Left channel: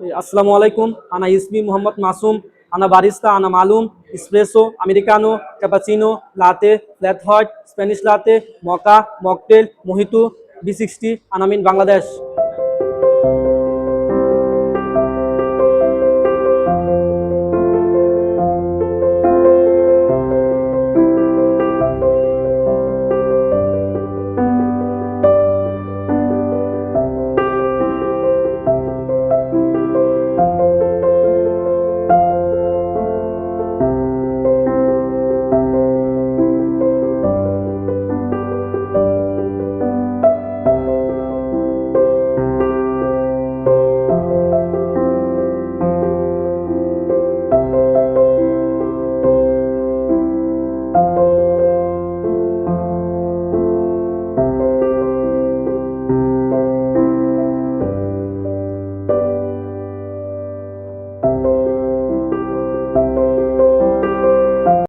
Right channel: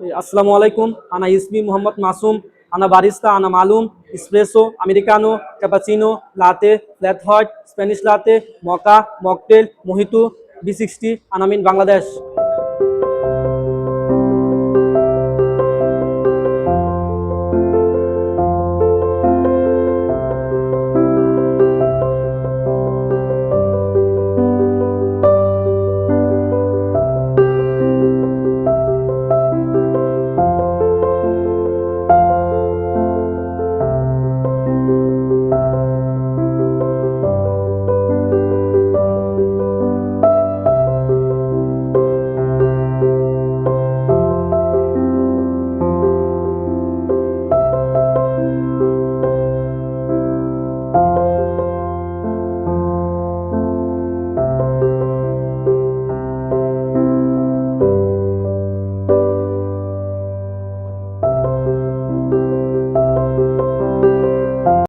আসসালামু আলাইকুম, আনা ইসমি মোহাম্মদ মাসুম, আনা বারিস্তা, আনা মালুম, espresso, Americano, cappuccino, লাতে, flat white, Spanish লাতে, মকা, mocktail, mojito, বি60, আনামিন Bangladesh.